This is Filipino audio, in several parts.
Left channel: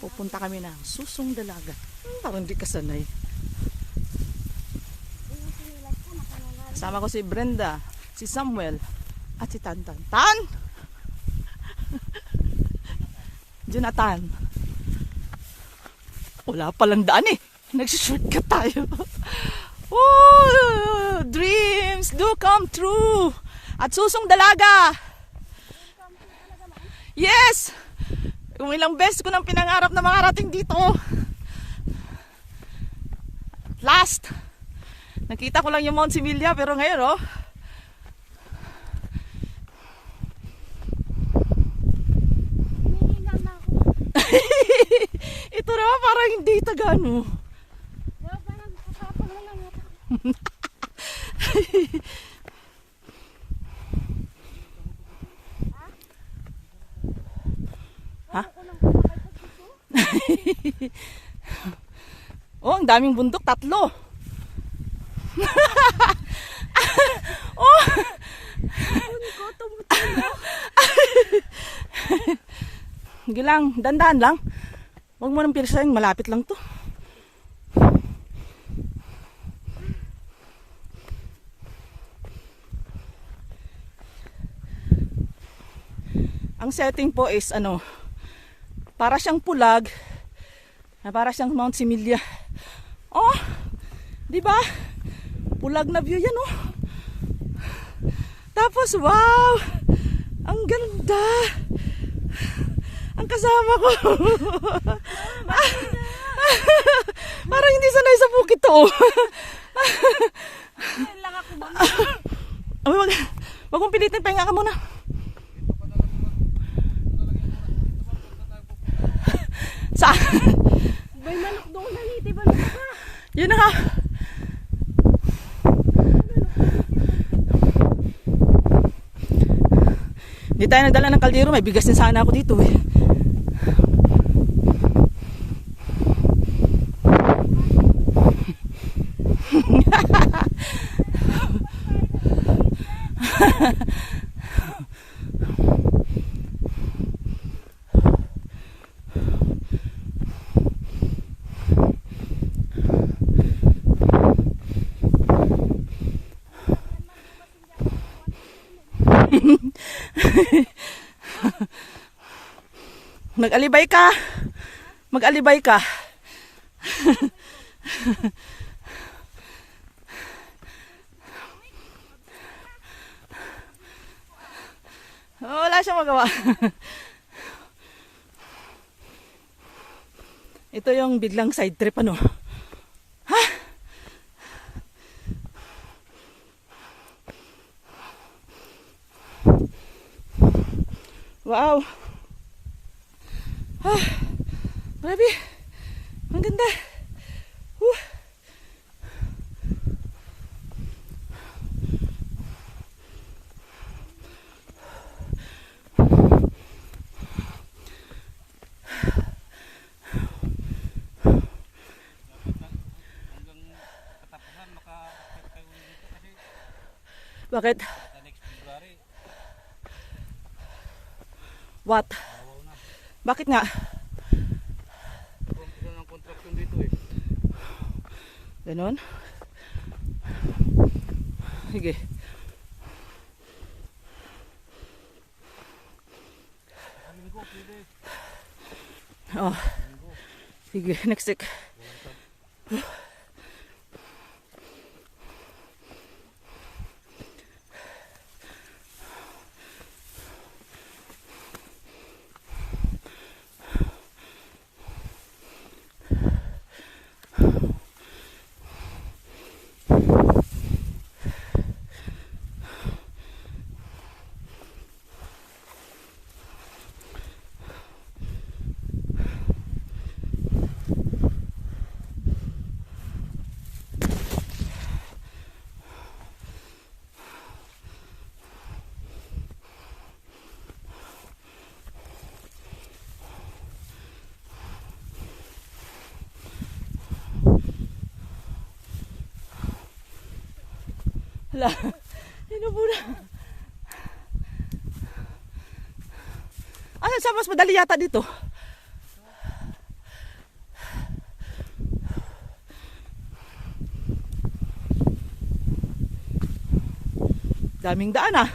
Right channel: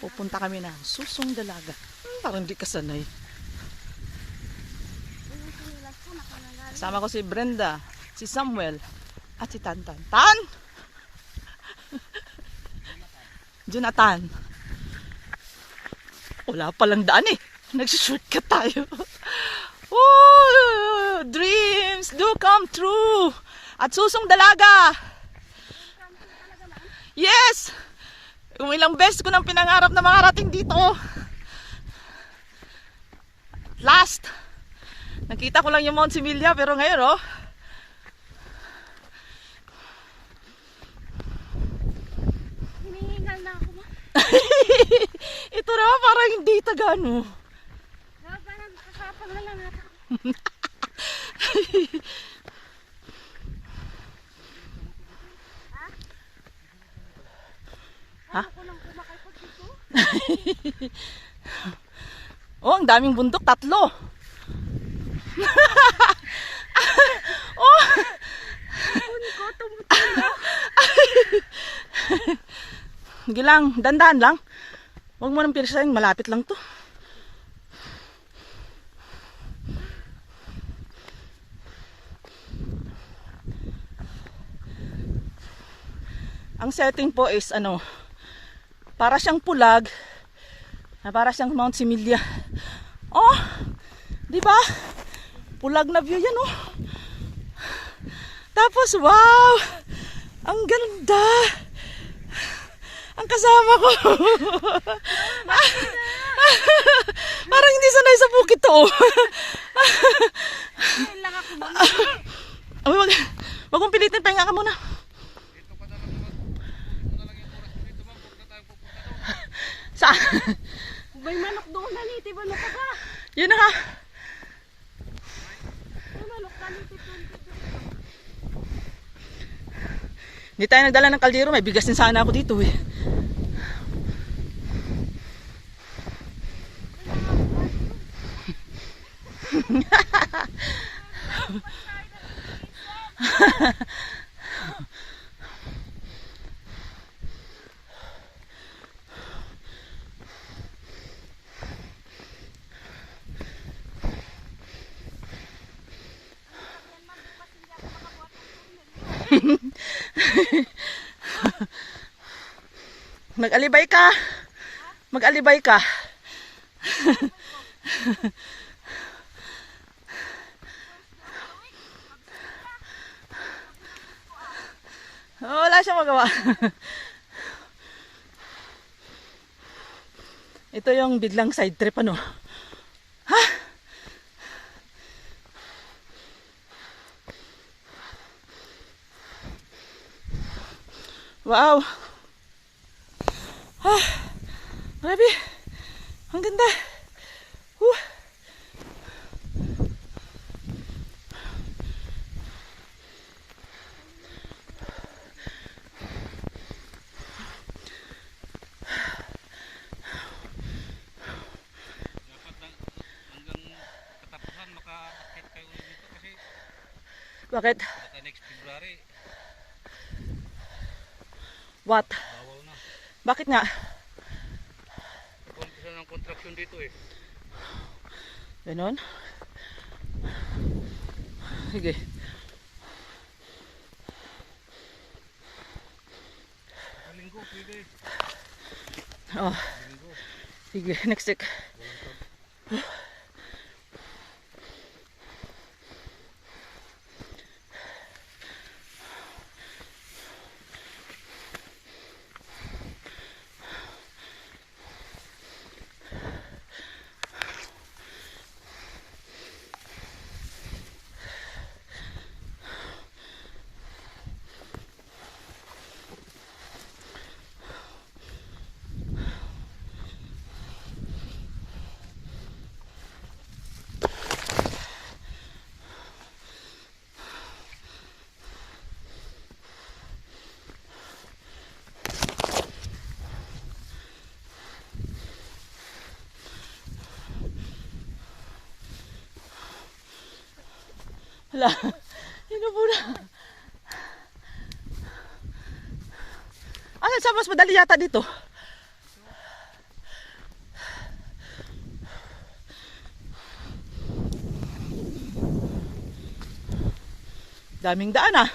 Pupunta kami na Susong Dalaga. Parang di kasanay. Kasama ko si Brenda, si Samuel, at si Tantan. Tan! Jonathan. Wala palang daan eh. Nagsushortcut tayo. Oh, dreams do come true. At Susong Dalaga. Yes! Kung ilang beses ko nang pinangarap na makarating dito. Last. Nakita ko lang yung Mount Similia pero ngayon oh. Hinihingal na ako. Ito na parang hindi tagano. Parang kasapang na lang natin. Ha? Ako lang kumakay pag dito. Oh, ang daming bundok, 3. Oh! Huni ko, tumutulo. Sige lang, dandan lang. Huwag mo nang pilisahin, malapit lang to. Ang setting po is ano, para siyang pulag, para siyang Mount Similia. Oh, di ba? Pulag na view yan oh. Tapos wow, ang ganda. Ang kasama ko. Parang hindi sanay sa bukid to. Ngayon lang ako Wag mong pilitin, pahinga ka muna. Saan? may manok doon na niti. Manok ka ba? Yun na nga. Manok na niti. Hindi tayo nagdala ng kaldero. May bigas din sana ako dito eh. Mag-alibay ka. Mag-alibay ka. Wala siyang magawa. Ito yung biglang side trip ano. Ha? Wow. Ah, grabe. Ang ganda. Bakit? Next February, What? bawal na. Bakit nga? Umpisa ng contraction dito eh. Ganon? Sige. Linggo, pwede. Oh. Sige, next week. Hala, inubo na. Ano sa mas madali yata dito? Daming daan ah.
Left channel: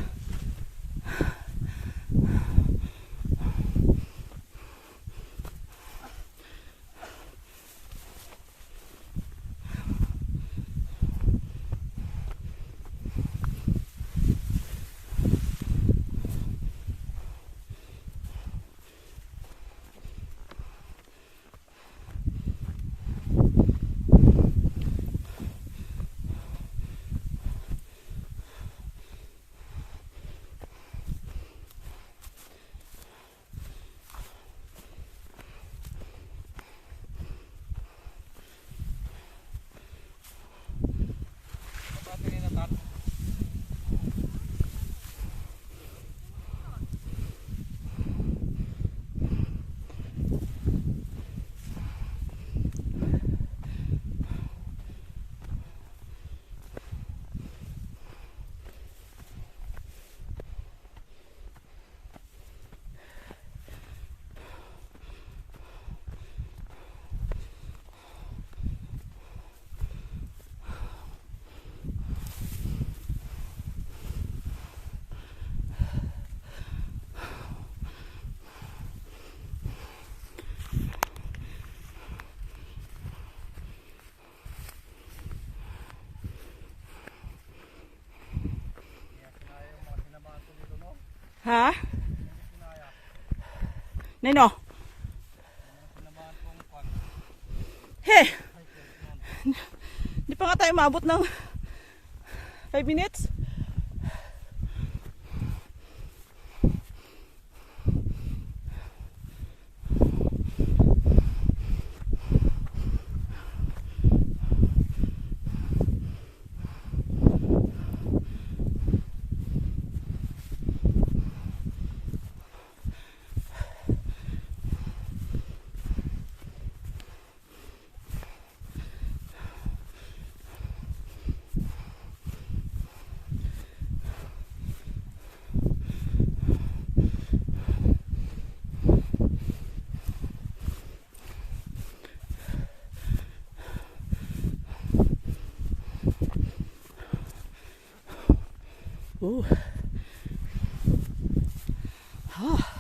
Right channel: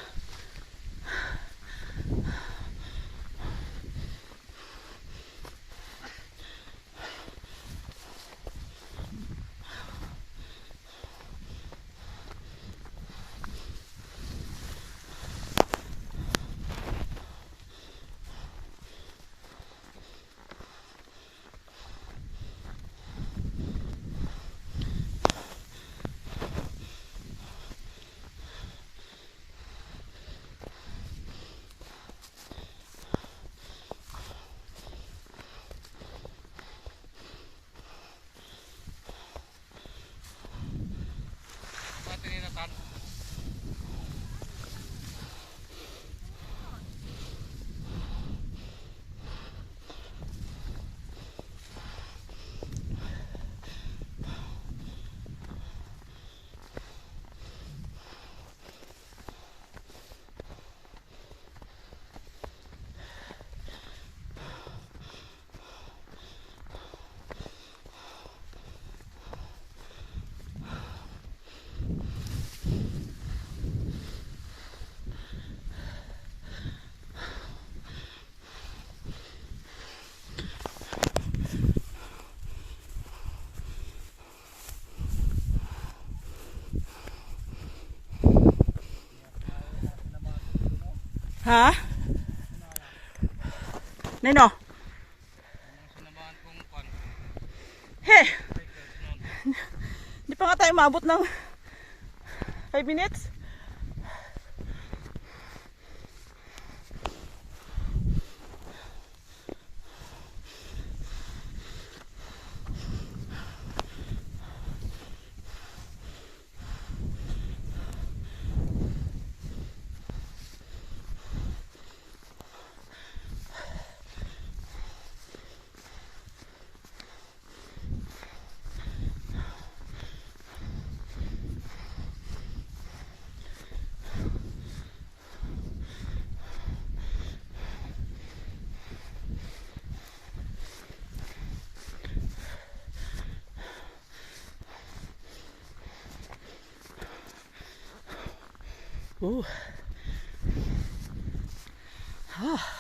Ha? Nino? Sinamahan kong kwan. He! Hindi pa nga tayo maabot ng 5 minutes. Ooh. Ah.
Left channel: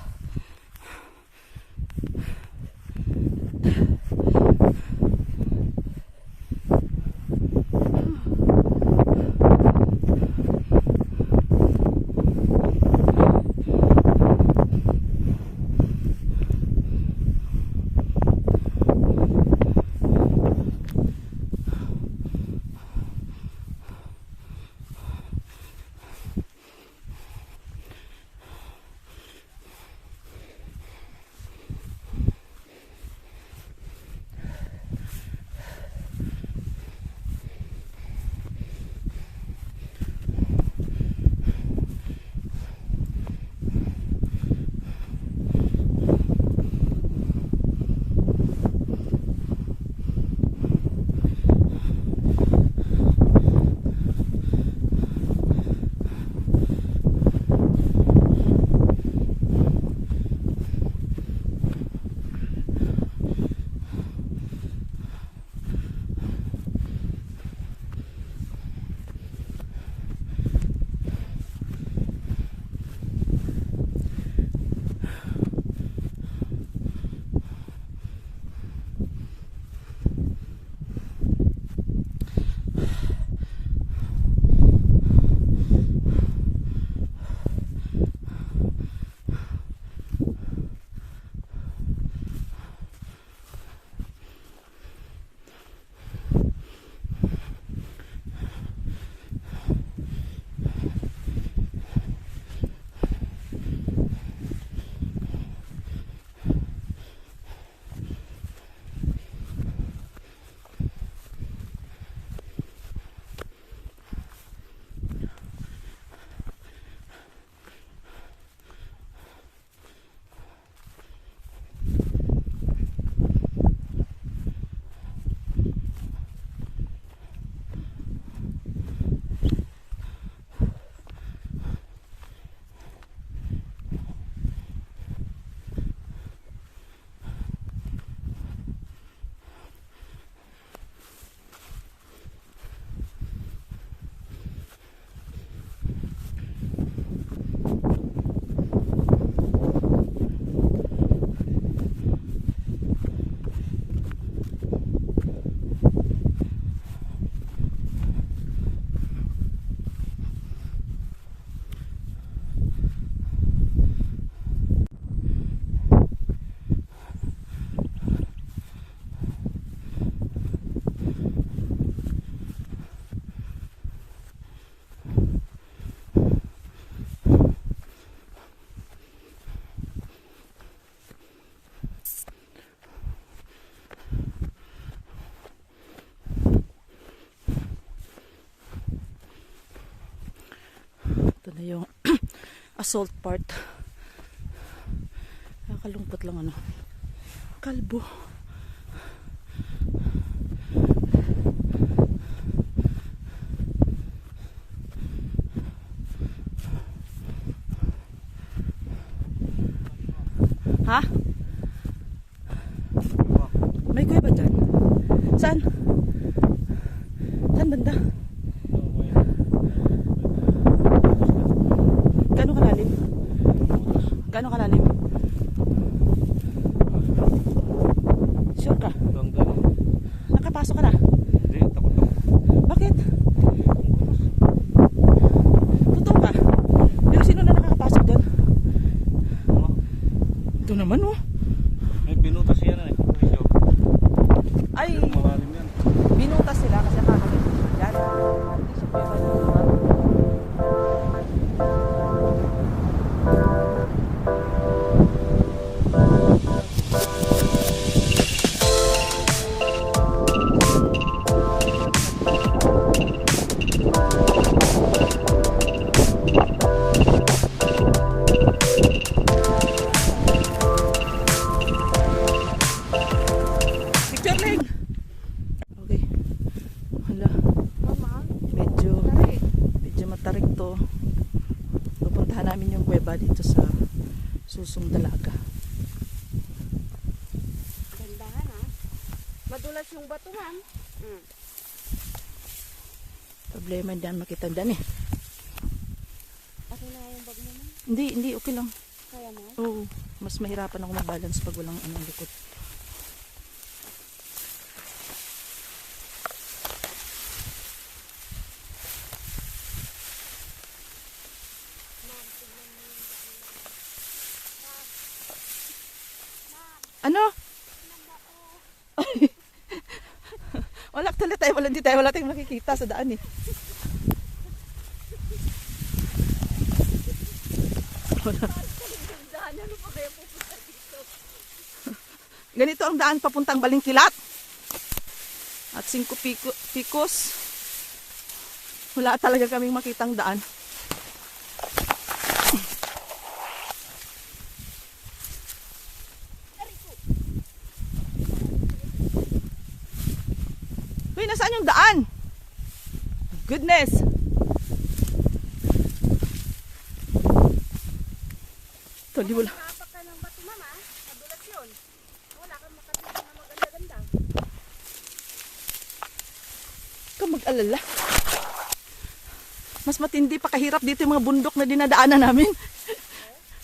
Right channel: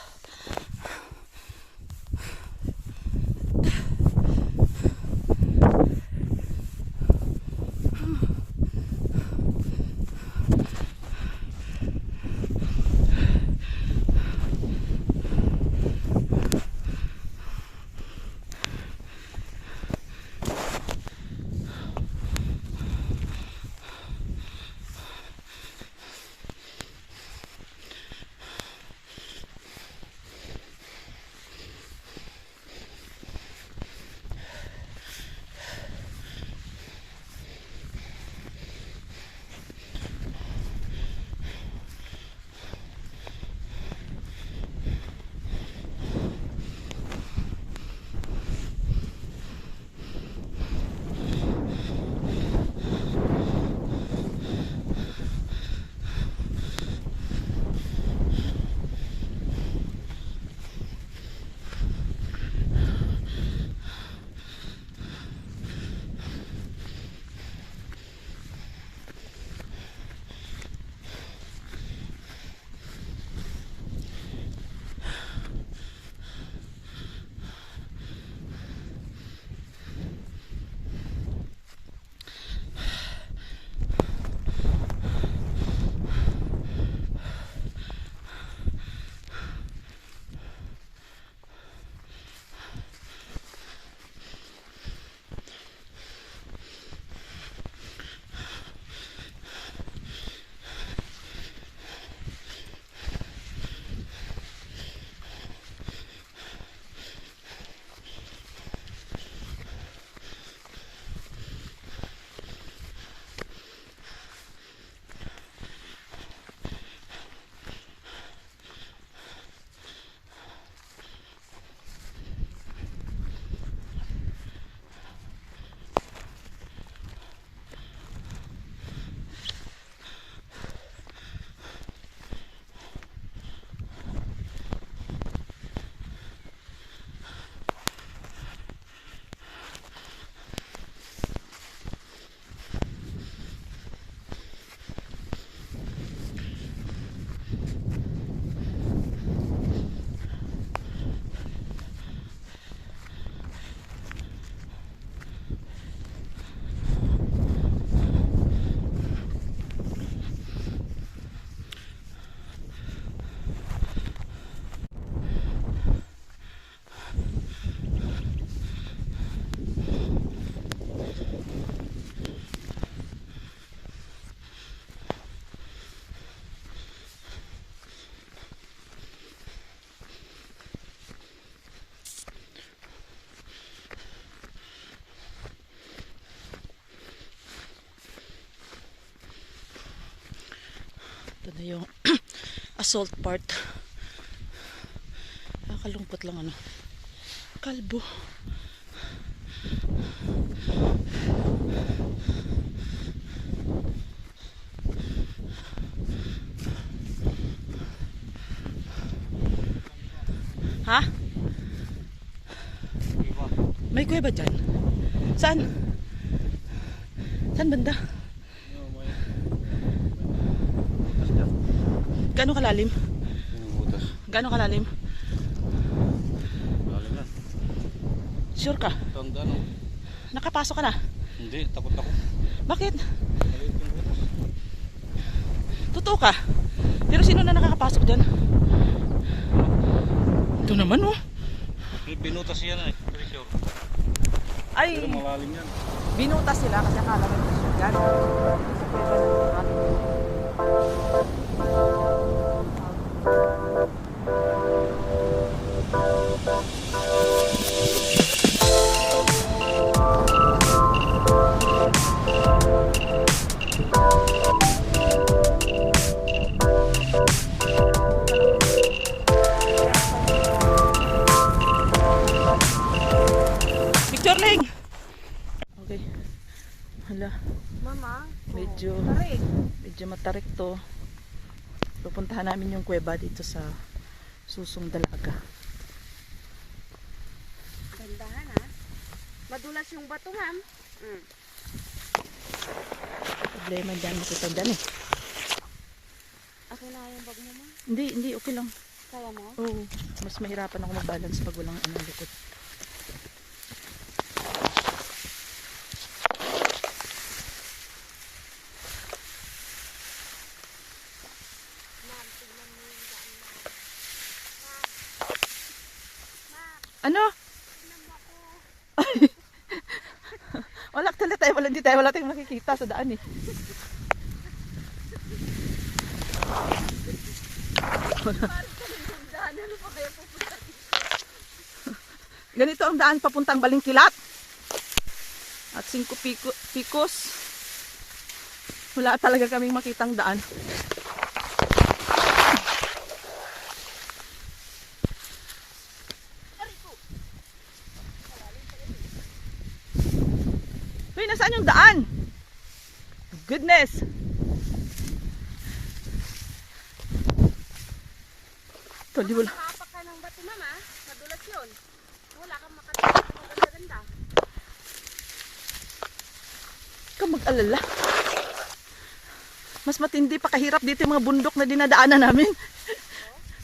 assault part. Nakakalungkot lang ano. Kalbo. Ha? May kuya ba dyan? Saan? Saan banda? Gaano kalalim? Gaano kalalim? Sure ka? Nakapasok ka na? Hindi, takot ako. Bakit? Totoo ka? Pero sino na nakakapasok dyan? Ito naman oh. May binutas yan eh. Presyo. Ay, Malalim yan. binutas sila kasi akala nila dyan. Picture Ling! Okay. Hala, Mama, medyo matarik to. Pupuntahan namin yung kuweba dito sa Susong Dalaga. gandahan ha. Madulas yung bato, ma'am. Problema dyan, makita dyan eh. Akin na yung bag mo, ma'am. Hindi, okay lang. Kaya mo? Oo, mas mahirapan ako mag-balance pag walang anong likod. Ano? Wala tuloy tayo, wala tayong makikita sa daan eh. Ganito ang daan papuntang Balingkilat. At 5 pikos. Wala talaga kaming makitang daan. Uy, nasaan yung daan? Goodness! Tali, wala. Kapak ka ng bato, ma'am ha. Madulas yun. Wala kang makatapos na maganda-ganda. Ka mag-alala. Mas matindi pa kahirap dito yung mga bundok na dinadaanan namin.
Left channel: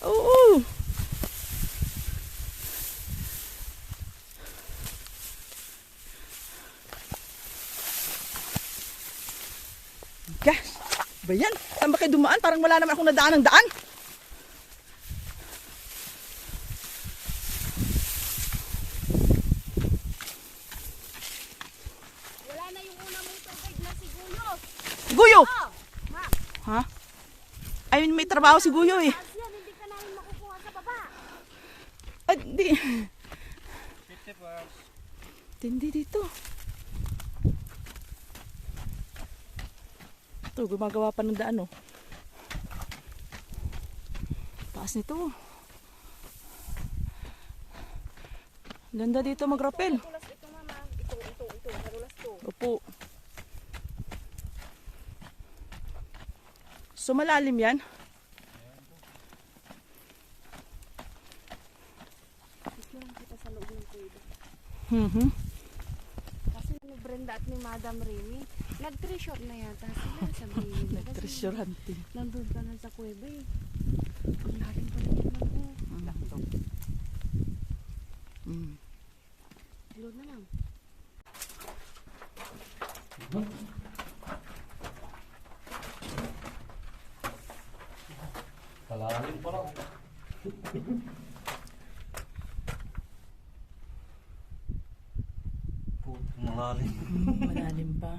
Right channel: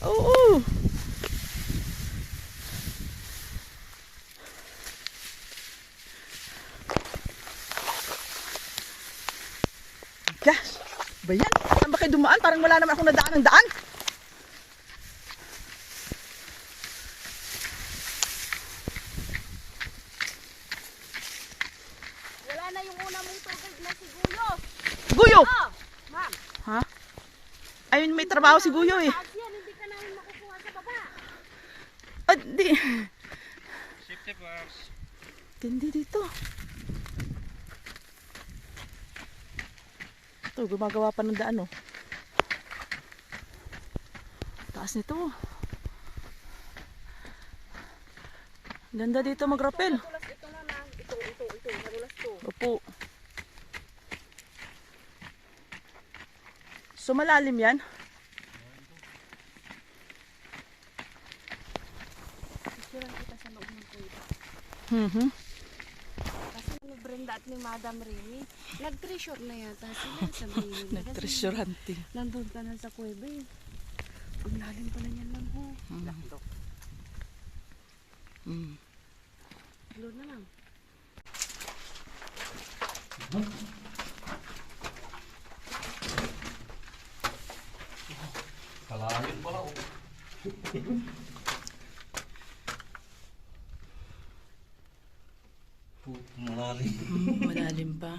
Oo. Gosh, ba yan? Saan ba kayo dumaan? Parang wala naman akong nadaan ng daan. Wala na yung una mong tour guide na si Guyo. Guyo! Oh, ma'am. Ha? Ayun, may trabaho si Guyo eh. Taas yan, hindi ka namin makukuha sa baba. Ah, di. Safety first. Tindi dito. Ito, gumagawa pa ng daan, oh. Taas nito. Ganda dito mag-rappel. Madulas ito na na. Ito. Madulas to. Opo. So, malalim yan? Picturean kita sa loob ng kuweba. Mhm. Kasi ni Brenda at ni Madam Rini, nag-treasure na yata sila sa Brenda. Nag-treasure hunting. Nandun ka na sa kuweba eh. Ang lalim pala yan, ma'am. Oh. Laki daw. Mm. Blue na lang. Kalalim pala oh. Malalim. Malalim pa.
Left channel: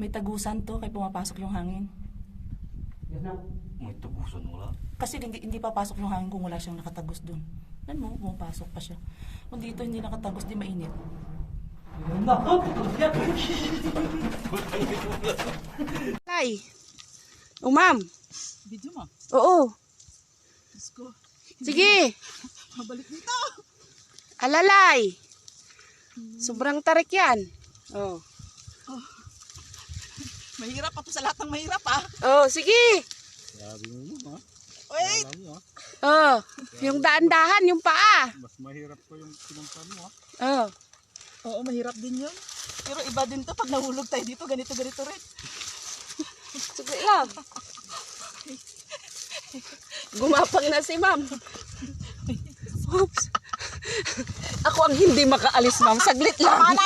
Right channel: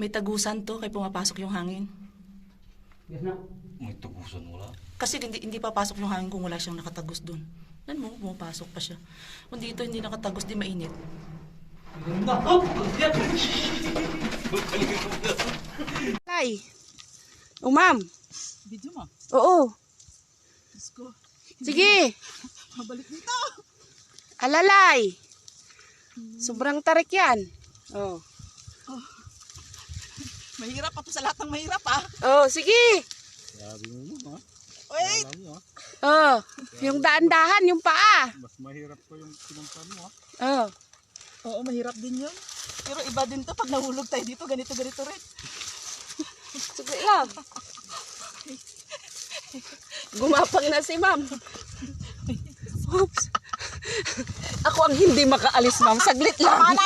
May tagusan to kaya pumapasok yung hangin. May tubusan wala. Kasi hindi papasok yung hangin kung wala siyang nakatagos dun. Nan mo, pumapasok pa siya. Kung dito hindi nakatagos, di mainit. Ay! O, ma'am. Video mo. Oo. Diyos ko. Sige. Mabalik dito. Alalay. Sobrang tarik yan. Oh. Mahirap pa to sa lahat ng mahirap ah. Oh, sige. Sabi mo ha? Wait. Alam mo ha? Oh, yung daan-dahan, yung paa. Mas mahirap ko yung pinuntan mo ha? Oh. Oo, mahirap din yun. Pero iba din to pag nahulog tayo dito, ganito rin. Sige lang. Gumapang na si ma'am. Oops. Ako ang hindi makaalis, ma'am. Saglit lang.